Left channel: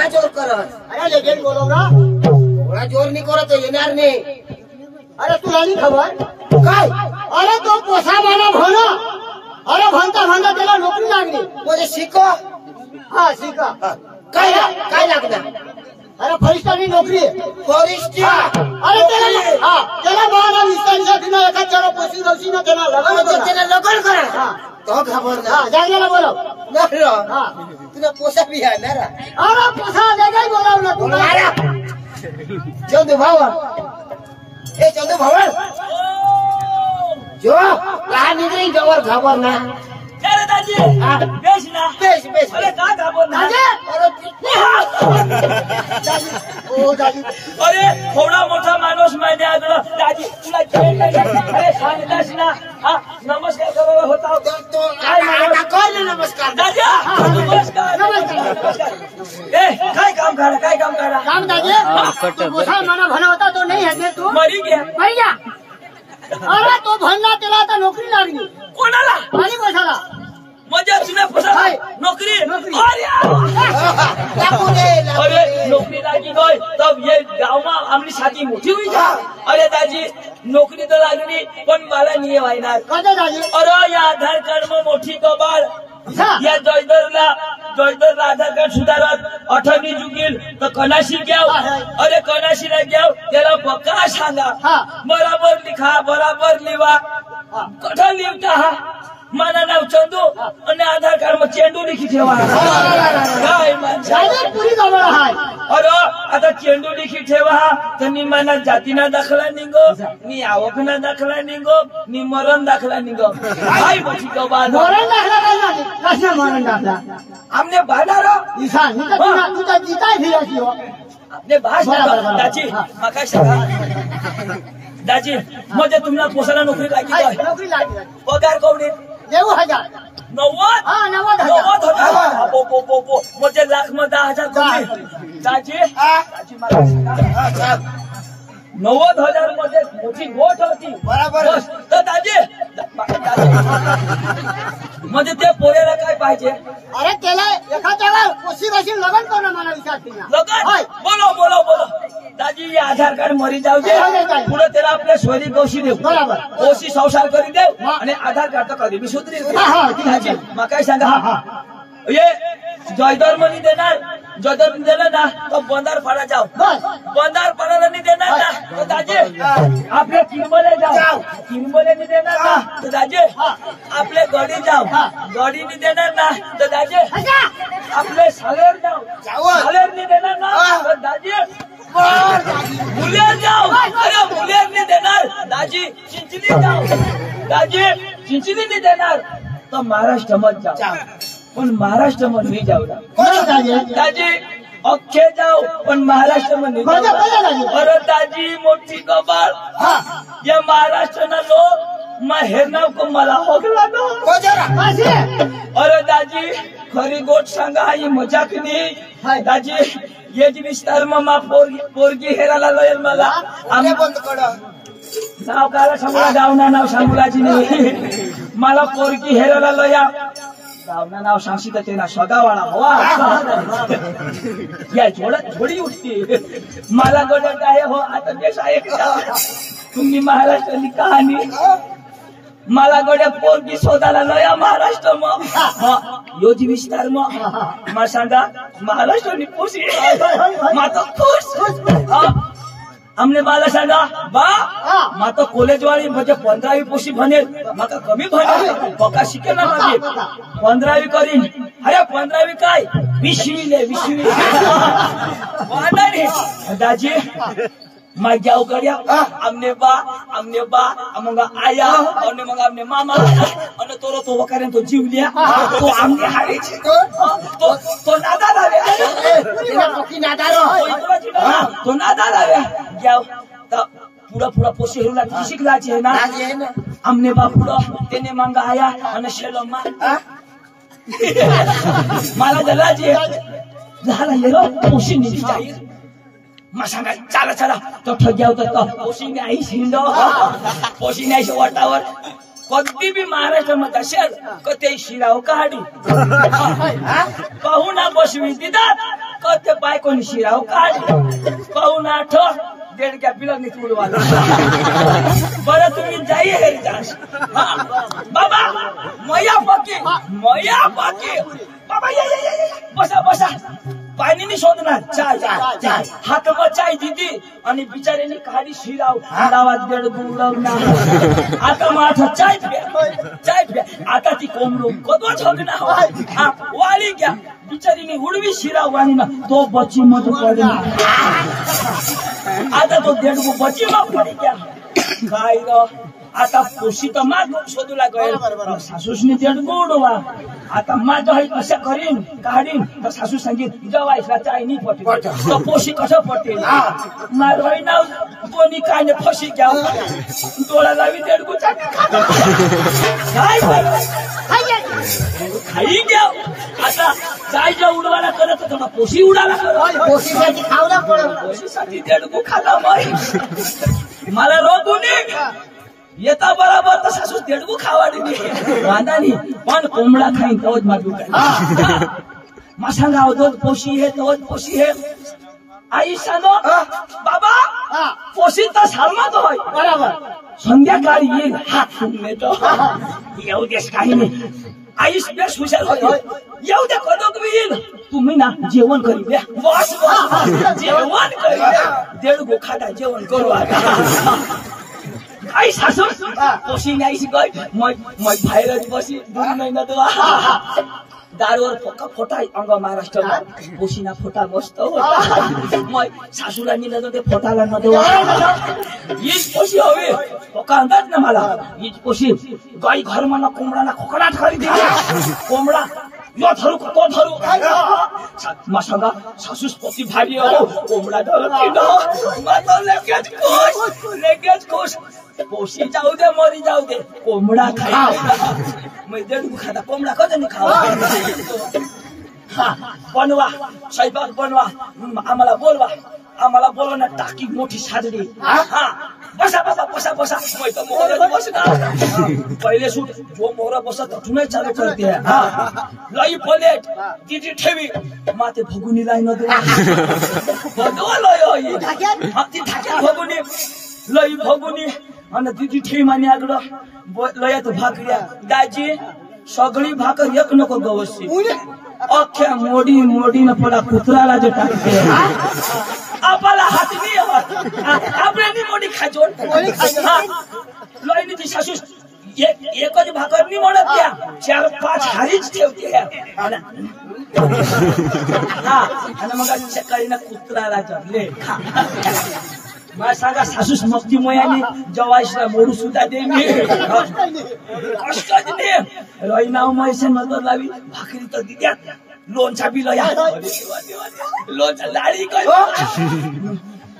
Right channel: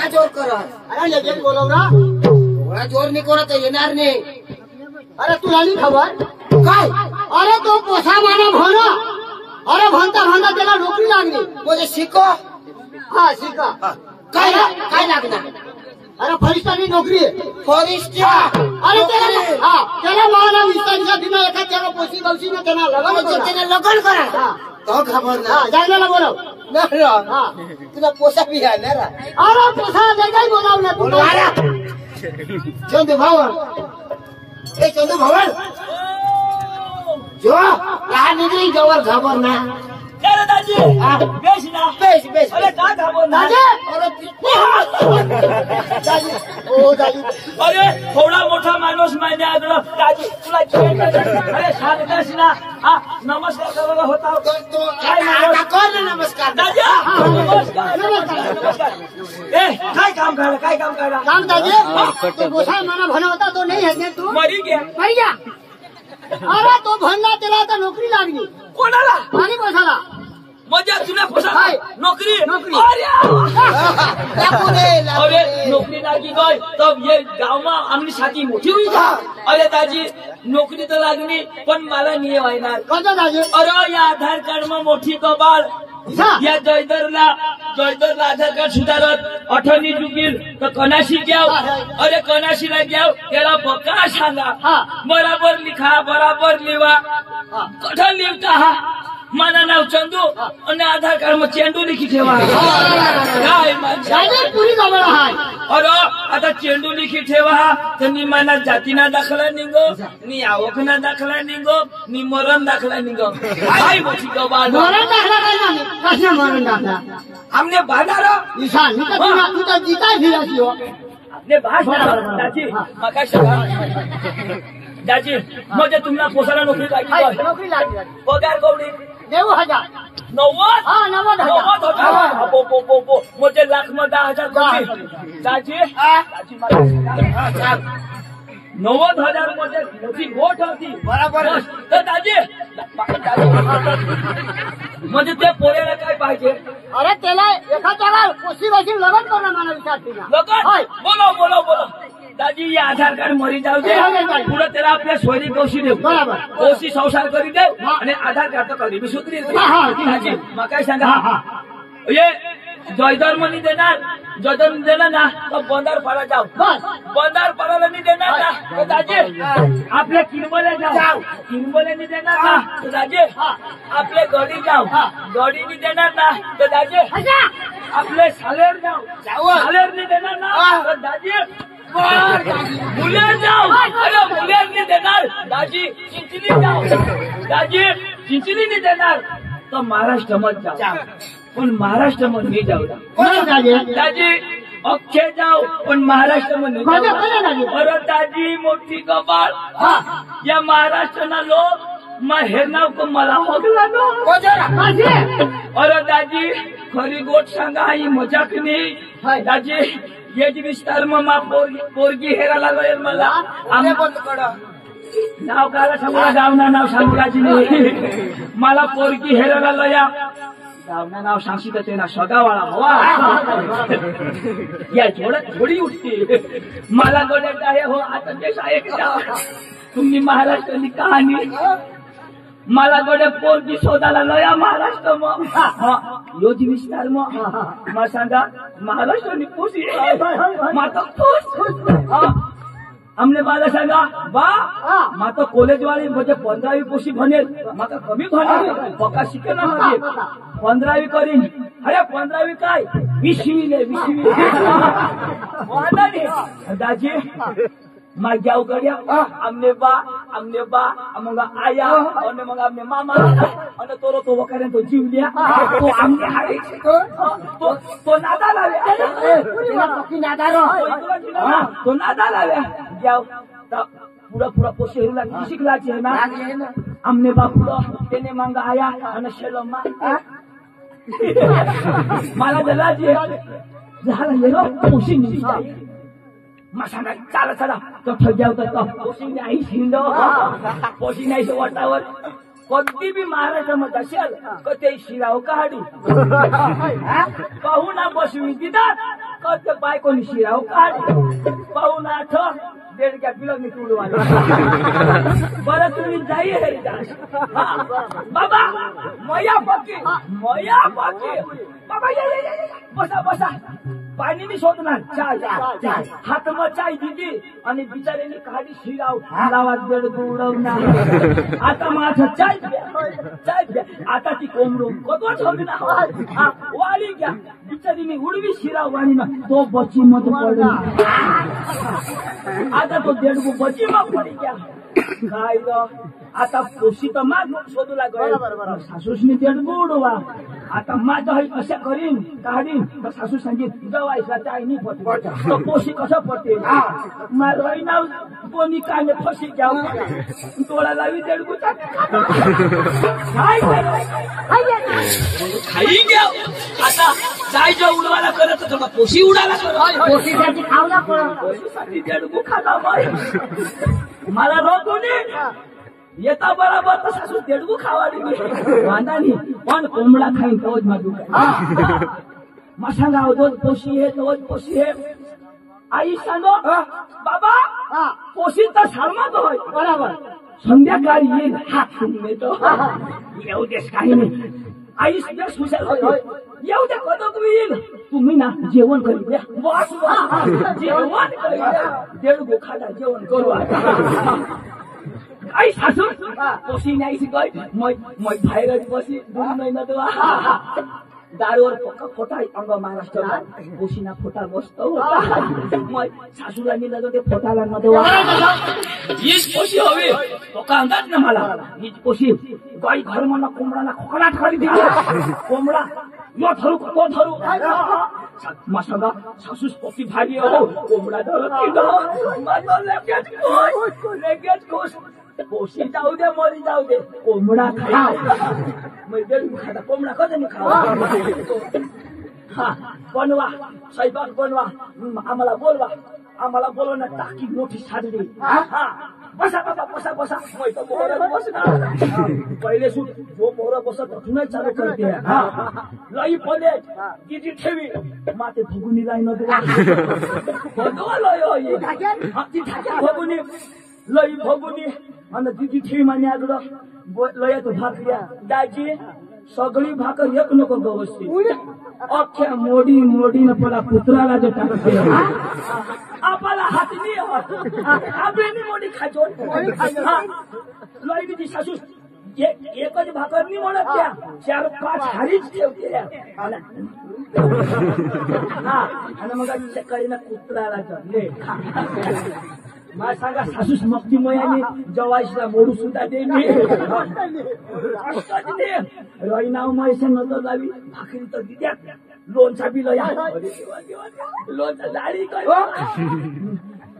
काय जोर करत? अरे लगेच बोलव ना. एवढा जोर नाही करत येणार नाही. अरे तुला नाही खबर काय? अरे तो पोसा माना भोना. अरे भणता भणता त्याला नोकरी लागली. म्हणजे शिको. हा शिका. काय काय लागणार? अरे फॉरेस्टरची नोकरी. फॉरेस्ट. अरे त्याला मला विस्तारिसाठी ना एखाद त्याला पोशी गवशी ना त्याला लग्न त्याला लगन करा. तो खबर ना. जागण्याला बोलव. तुला पोसा बी आहे ना. अरे पोसा जागाही बोलाव ना तुला. चंदू भावन. ए चंदू भावन. जो लहान निघली जवळ घाबर ना. अरे दाजी बेस ना. Base base. अरे का घाबर ना. ओ दाजी. अरे थोडा मोठा माणूस माहिती आहे दाजी तुला जेवण अरे सांगतास ना. हा नमस्कार करायला होता. कर ना नमस्कार. दाजी नमस्कार नमस्कार. ए काय काम काढा काय काम काढा. काम दाजी तो पोसा माना भणा होता तो नाही आहे तू. मरी गया. मरी गया. अरे तो भणला त्याला आता नोकरी लागली. कोणाला. आणि पोसाला. मजा तुला फसा नौकरी. नौकरी. अरे नौकरी लागी गई तब ये गाँव में आमनी साथी मोठी हुई था. अरे दाजी नौकरी तो लागली पण मला नाही व्हायणार. कसं दाजी. अरे या आधार कार्ड में मोठी कबाड. या जयदरला आधार कार्ड सुधारत 18 चुकील तर कनाशी घ्याव. अरे कनाशीला घ्याव त्याला पक्का सांगा. बराबर लिखा बराबर लिवा. कठं लिखता हा. माझं नाव चंदू आणि आधार कार्ड में चेंडू लिखी ठेवा. काय पुरी जवळ आहे. अरे आता चेंडू लिखी ठेवा तर नि माना जातीना दाखला निघो नि आवकना दाखला निघो नि मरण दाखला निघो. काय मोठी कबाड. मरण दाखला काय नाही. कसं मरण दाखला. हमने बांधार ईशान तू तर जिताय फिरायची हो. आपले भाष दाजी मका सांगा. दाजी म्हणजे तुम्हाला पोसाला नोकरी लागली. नोकरी लागली. पगार कवडी 90,000. 90. हा 90,000. 90,000 म्हणजे लाख मध्ये 10,000 कमी. दाजी दाजी मला सांगा. 90,000 मध्ये मोठी गोठ होती. बराबर. तर दाजी म्हणजे ते पोऱ्याला काय पाहिजे. अरे त्याला एखाद्याला पोशी बशी लग्न करणं मला विचारते ना. लगन बोलो दाजी हे आधार कार्ड मरी जाऊ दे. पुढे त्याला आपल्या सोयरी कौशी देऊ. बरोबर. कौशी संसार करी देऊ आणि आधार कार्ड तर कधी बी सुधरी. दाजी मग काय सांगा. ये जयदर मनी देणार. जयदर दिलं ना तर बंदार पाडा जाऊ. बंदार पाडायला नाही देणार ना तर दाजी आपल्या किरमले जाऊ. किरमले नाही देणार ना तर दाजी आपले गडी जाऊ. गडी नाही देणार ना तर दाजी आपले सालेर जाऊ. सालेर नाही देणार ना तर दाजी मुलेर जाऊ. अरे मुलेर नाही देणार दाजी चिंचली जाऊ. दाजी चिंचली नाही देणार तर महाराष्ट्र मध्ये जाऊ. पण महाराष्ट्र मध्ये नाही जाऊ. दाजी अख्खे जाऊ पण महाराष्ट्र मध्ये. अरे दाजी मोठी कबाड. या महाराष्ट्रना लोक हेरनाव को मला होगला नो. अरे दाजी खरी गोट सांगा ही मजाक नाही. दाजी ये जी विस्तार में पोरगी हेराला लयल मला. आम्ही बंद करा. नाव काला सांगा. गावना नाव सांगायची नाही. मला पोरगी हेराला लया. गावना नाव सांगशी तर ते ना सदावाळा हवा. या जोडत थोडी उठते. मला गोडत आहे हो आता देश आहे. तुम्ही महाराष्ट्राची कहाणी. मला गोड्या पोरगी शोधायला लया महाराष्ट्र मग योजी विस्तार मग सांगा महाराष्ट्रानी पोशी माता खुश. हमने मला सांगा बा माता कॉलेज वाली म्हणजे 15वी पोशी भनेल. माका कमी भनेल पक्का शिकेल ना. माझे 15वी करीन. अरे 15वी काय 20वी ले 20वी. दाजी मग जाऊ गड्या. आमने बा मग आया आणि मग आमने मामा आणि तो वकारे तो जीवल्या. तो आमने हारेचे तो नादा लाव्या. तो नादा लाव्या जाऊ तर पुढं पोशी हेरूला शिकलाची आहे ना. आमने बा पुढं त्याने मग आया आणि शेलम्मा मला जलाची झाला येलो पोशी निघी जाईल. मग सांगा चला तो ठग्या होता पोशी आई शिंड. पोशी नाही वाटावर कधी बी महाराष्ट्रामध्ये असेल का ते शिराव काढी पाहुणा बसवी दिदात का ते बायकोनी शिराव काढी पाहुणा आठ देडक्या पिलं नाही उडवाला बरं तुम्ही जाई हे बाबा मया बाकी बाबा ये बसा बसा पाणी नाही शोधणार चाय हातमा चाय दिदी आणि बिचाऱ्याने काढी शिराव लावात देड गुडवणार आता माझा चाय प्या आता ती कोंबडू कदवाच होत ना वाली घ्या बिचारीने उडवी शिराव आणि ना तो बची मत पडे आता तो देडगू बची मत पडी घ्या काय ग आता पोशी तर माग शोधूला गए सासूसने देडगू उडवा आता माझं हे कशा करीन काढीन तर सासू सांगित जवायला चाय नाही पटेल तर पोशी कसं पटेल मारवाई नाव कोणी काय नाही फशी घ्या डोळा लावी देडगू खाई घ्या आता चाय उडवायला करत होतो पोशी उडाला पोशीसाठी खावला पडत पोशीसाठी देडगू खाला मला रोगुनी येता बरोबर तर सासू देडगू खावाडी वांदा नाही पण कोंबडा खाईन तवच माजू काय मासांगा अवधोत पोशी हे तवच पोशी हे आई सांगो बाबा पोशी तर सालमात होय बरोबर संध्याकाळी येईल हात नेतो येऊ देस काही नाही आईस बेस हुशार होय येऊ दे कदोक येईल तुम्ही ना जेवण करी द्या बस जेवण करी द्या देडगू खाता जेवण करू आई सासू पोशी नाही शिकय मग बाहेरच बसी 2 महिना तो दारूवर पक्का फोटा अंग महाराष्ट्राला पोशीना फोटा मस्त होता मग सासूला नेलं तर ते फोटाला न देवा हीच पोशी हवी पक्का अंदाज ना मला हीच पोशी गाई घर मला कोंबडाना खोकडाट करी दे कोंबडा यो धरू तो धरू मग सांगा सासूस पोती भारी हो कोंबडा धरू माझा लगेच खुश पोशी जाऊ दे मरी जाऊ दे कोंबडा खा मग देडगू खाता कोंबडा कधी खावा बनवा स्वयंपाक बनवा आम्हाला बोलवा ना टाकी मोठी साजरी बसा बाबा बसा बसा मैं तो मोहरा बसना पहिले सूट जो मोहरा बसत तुनच चालू करते लई प्लेट तिची ठेवी माते भगुनी लाई न देवा लय ती ठाक्या भगुनी लई भगुनी आणि तिची ठेवी माने आगड लयात भाकऱ्या दाजी सगळी भाकर एक नको गवशी अख्ख्या मोडी न पडा कुत्राला जे टाकते आपला हात नाही आपल्यानी मोडी खाजोन लईनी ती सासू एकच भाकर नाही म्हणत त्या 4-5 हारीच ठेवते आणि मग सकाळी कुत्राला जगले मला सांगा सासूस मस्ती मोयाने जवाईला मोडू सुद्धा दे मी कष्टच दे रईनाव मैसे नजर लावी भाकरी तर दिद्यात लोणचा बी लया लोणचा लाडी काय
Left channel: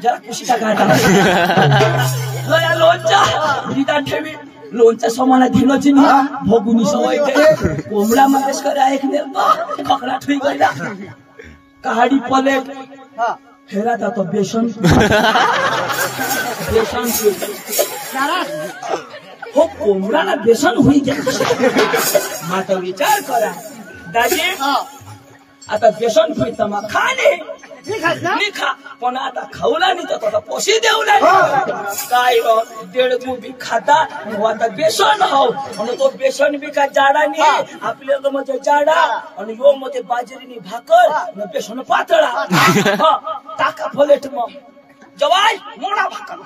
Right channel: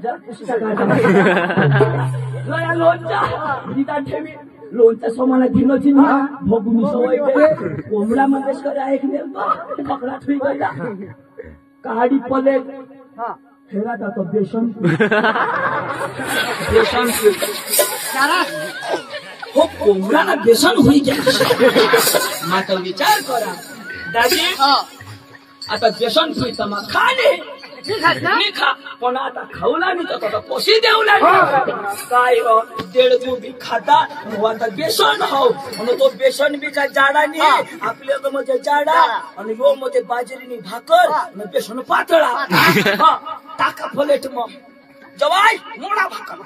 जरा कुशीचा काढा लया लोणचा दिदा ठेवी लोणचा समाना दिलोची नाही भोगुनी सवय दे कोंबडा मागेश करा एक नेलपा पकडा ठुई गला काडी प्लेट हेरा था तो बेसन हो कोंबडा ना बेसन हुई गया माता विचार करा दाजी आता बेसन हुई तर मग खाणे नाही खा पण आता खाऊला नाही तर पोशी देऊ लागला काय देडगू बी खाता आता बेसन हो आणि तो बेसन बी का जाडा नाही आपल्या म्हणजे जाडा आणि यो मध्ये बाजरीनी भाकर आणि बेसन पातळा टाका प्लेट मग जवाई मोडा भाकर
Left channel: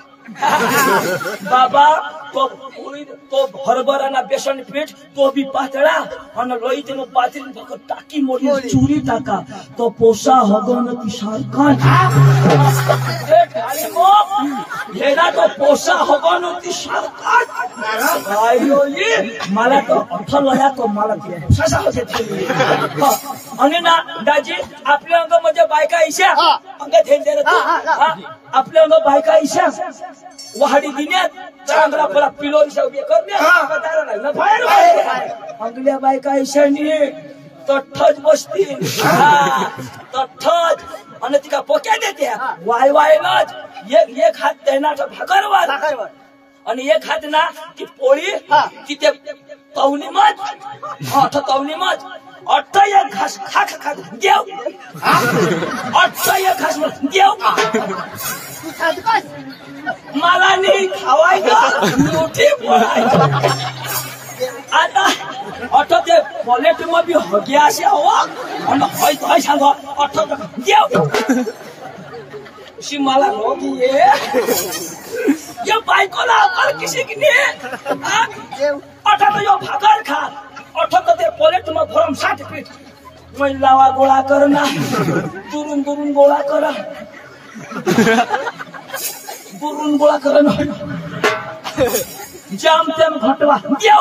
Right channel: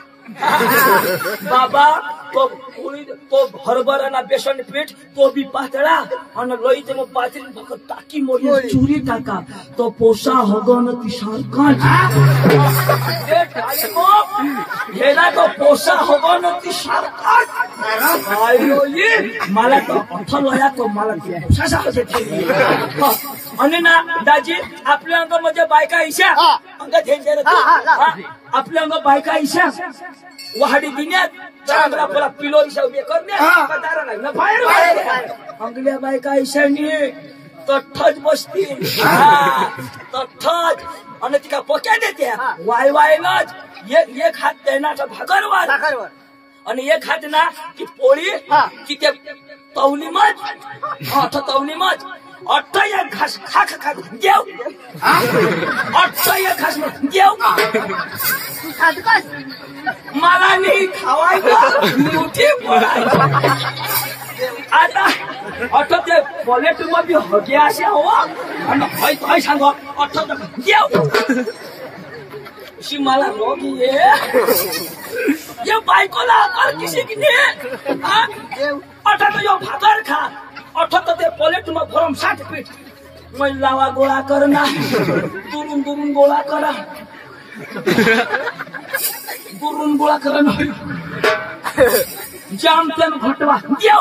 बाबा तो हरभरा ना बेसन पीठ तो बी पातळा आणि लईते मग बाजरी भाकर टाकी मोडी चुरी टाका तो पोसा हगन ती सारखा हेला तो पोसा हगन ती सारखा मला तो अर्थ लया तो मला आणि ना दाजी आपल्या अंग म्हणजे बायका इशा अंग झेंजर आपल्या अंग बायका इशा वाहडी दिण्यात चांगला पला पिलो इशा उभे करण्यात दारा लागला बाहेर अंगल्या बायका इशानी तठ्ठच बसती तठ्ठच आणि तिका पोक्या देते वाय वायलाच एक हात देण्याचा भाकरवर आणि एक हात ना की पोळी की ते तवली मत तवली मत अट्ट एक घास खा घेऊ अट्ट एक घास घेऊ मला नाही खावायचं मोठी पोळायचं आता अट्ट ते पॉलेट मध्ये हगे असे हवा आणि हय सांग अट्ट घेऊ अशी मला रोग ये बायकोला अकल किसी की नाही अट्ट तो यो भाकर खा अट्ठ ते पॉलेट में भरम 60 पीठ महिलावा गोळा कर ना दुरून गोळा करा दुरून गोळा कर ना जाम तेम घटवा देव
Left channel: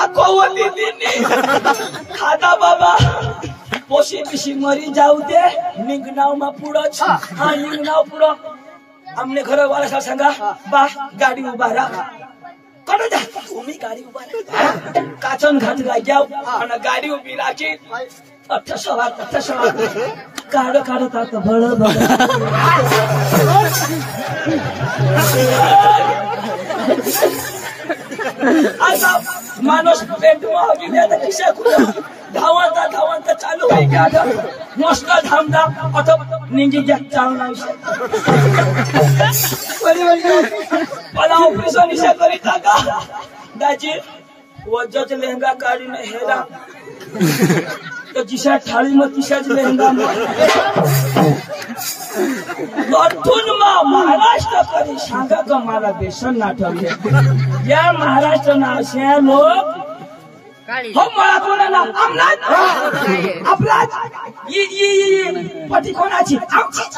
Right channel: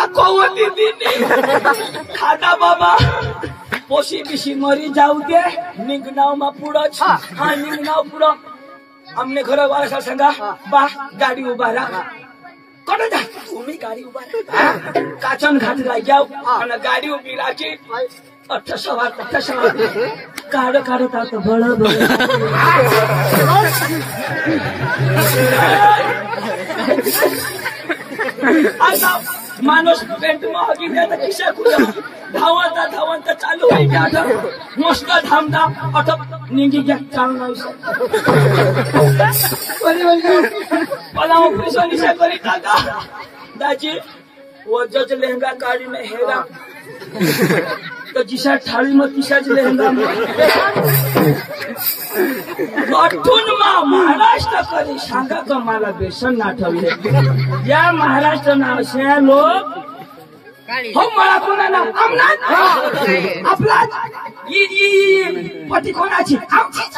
आकोवली दिनी खाता बाबा पोशी बिशी मरी जाऊ दे निघनाव मा पुढंच हा निघनाव पुढं आमने घर वाला सांगा बा गाडी उभा राहा कडे जा तुम्ही गाडी उभा काचन घाटला जाऊ आणि गाडी उभी राहायची अठ्ठ सवार काढत आता बळ आता माणूस पेंट महागी द्या खिशा कुठं धावता चालू व्हायचे आता मस्त धामधाम आता निंगी घ्या चालना विषय मला ऑपरेशन विषय करीता का दाजी वज्जाच लेहंगा काढून हेरा तर जिशा थाळी मग तिशाच लेहंगा गठून महाराष्ट्र कधी सांगा का मला बेसन नाठवले या महाराष्ट्र नाशा लोक हो मला कोणा ना आमनाथ आपला पती कोणाची आमचीच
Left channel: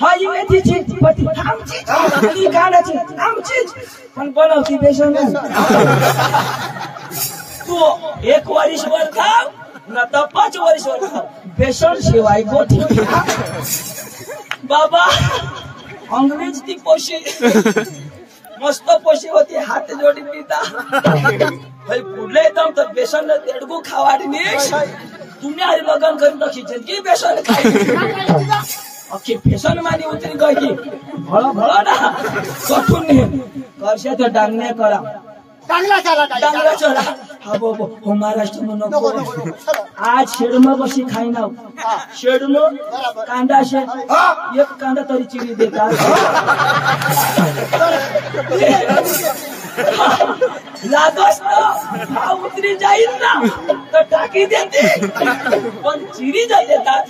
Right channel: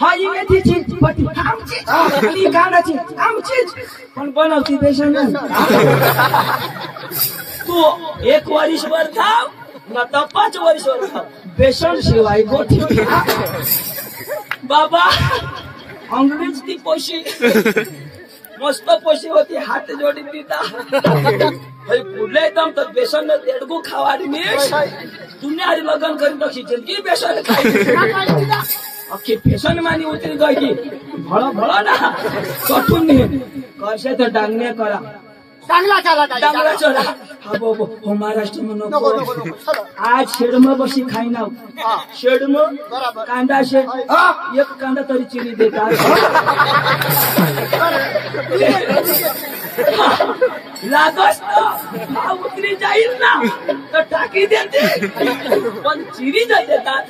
हा ही मेथीची पती आमचीच आणि कांदाची आमचीच पण बनवती बेसन तू 1 वर्षभर खाव न तर 5 वर्षभर खाव बेसन शिवाय गोठी बाबा अंग्रेज ती पोशी मस्त पोशी होती हात जोडी पिता पुढले एकदम तर बेसन देडगू खावाडी तुम्ही आधी लग्न करीत की बेसन अख्खी बेसन मानी उतरी गई की भळ ना कठून करशे तर डांगण्या करा चांगला चला हा हो महाराष्ट्र में नको आज शेडम बशी खाई ना शेडम कांदा शे एक कांदा तरी चिरी देतात लागस भाव उतरी जाईल ना तर टाकी देते पण चिरी जा देतात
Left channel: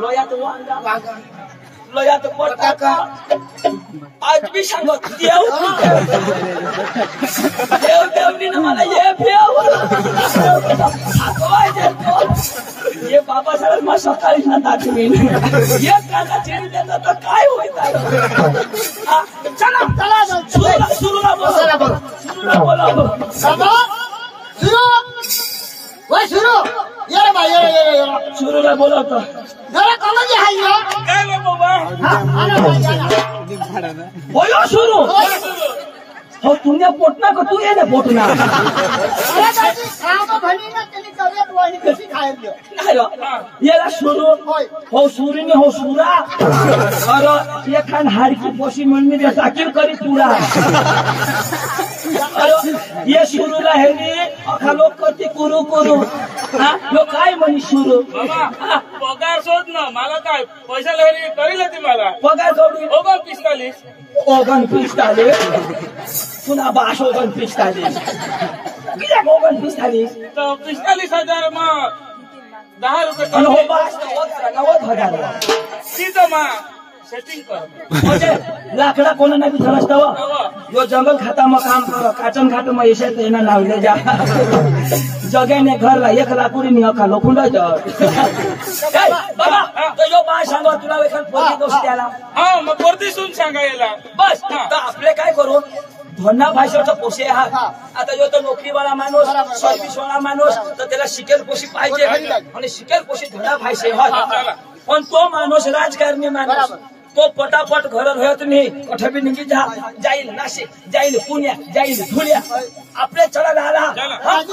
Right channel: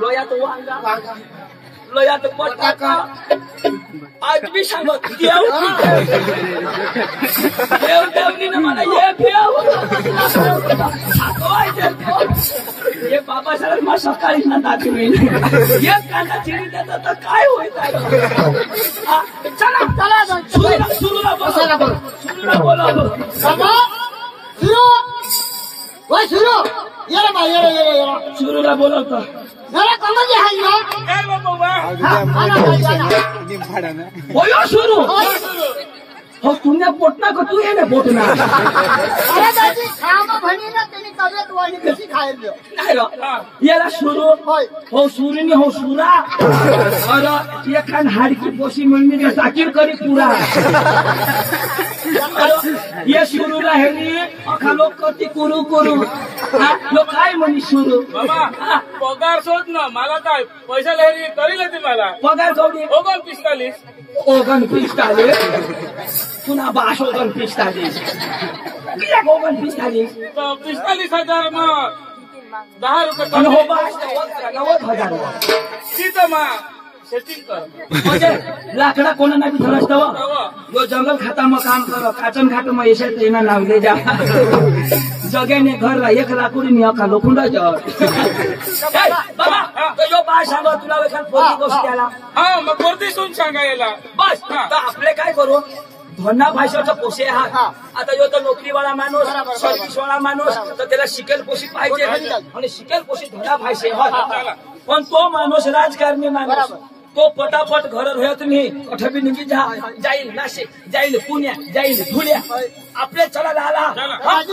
लोयात वांगा लोयात बटाका आज भी सांगत देवनी मला हे हे बाबासाहेब मला सकाळी ना दाखवी एक कांदा चिरी देतात तर काय होईल चला सुरूला बोला सुरूला बोलवतो जरा कॉलेज आहे काय बाबा होयो सुरू हो तुमने पोटना का तू ये ना पोटना अरे दादी खाना भणी ना तेनी तब्येत वाणी कशी खायला नाही रो याला सुरू हो सुरीनी हो सुरा अरे ये खान हाडकी पोशी मिळमी रे साकीर करी पुरा ये सुरू राहिली अखा लोक करते कुरू लोक काय म्हणी सुरू बाबा पगार शोध ना मला काय पैसा लहरी करील ती मला पगार कवडी 45 पुन्हा 45 किया 45 तो 45,000 मग 10 रुपये हो 90,000 सीधं मा सेटिंग कर म्हणजे लाकडा कोणा नाही थरसतो यो जंगल खाता में काम करो काचन घाट में ऐसे तो इना नावले जा जगे ने घर ला 1 लाकुडी नि अखा लोखंड बाबा तो यो बा सांगा तुला वेखान पोरगी गोष्ट आला हा मग वर्दी सुन सांगायला बस तर आपले काय करू धन्ना भाषेचा पोषे आहात आता यो तो नोकरीवाला माणूस सर्व्हिसवाला माणूस तर त्याला शिकेल पोशी पाहिजे आणि शिकेल पोशी धना भाषे पण तो माणूस राजकारणी माणूस तो पटापट घर राहत नाही कठबी निघी जाईल नाशिक जाईल पुण्या जाईल धुळ्या आपले चला झाला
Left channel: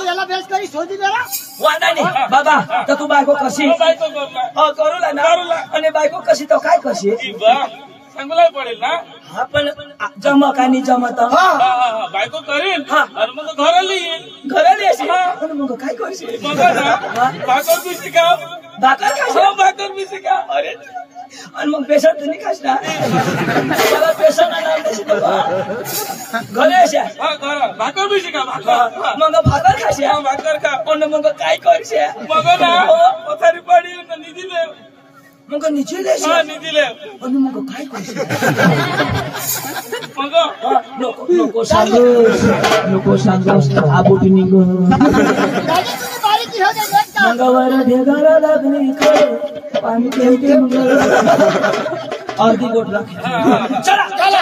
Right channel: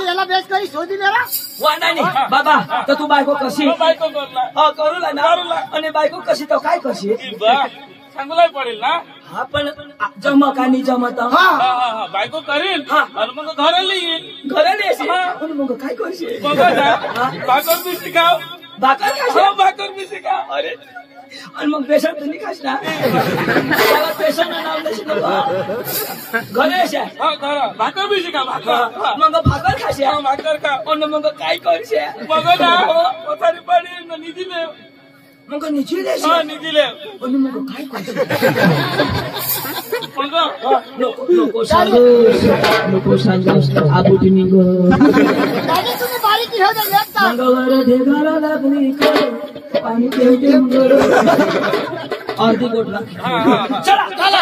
याला बेस करी शोधी जरा वांदा नाही बाबा तर तू बायको कशी बायको करू ना आणि बायको कशी तो काय कशी सांगूलाही पडेल ना. हा पण जमक आणि जमत बायको करीन हा. आणि मग घराला येईल. घरात येशील हा. पण मग काय करशील मग ना भाकर बी शिकाव. भाकर खाशील भाकर बी शिकाव. अरे आणि मग पेशंट तुम्ही खास ना मला पेशंट नाव नाही शिकव घरे अशा हा घरा भाकर बी शिका. भाकर मग भाकर खाशा भाकर खा. आणि मग काय करशा मग ना पथारी पाडी निधी ले. मग निधी देशा हा निधी ले. आणि मग काय करशील मग नको सांगू आबुटी निघ दादी तुम्ही बारीकी हो दे एक तास. मंगळवार ढेगाला लागली पाणी पेटे अर्धी गोट चला चला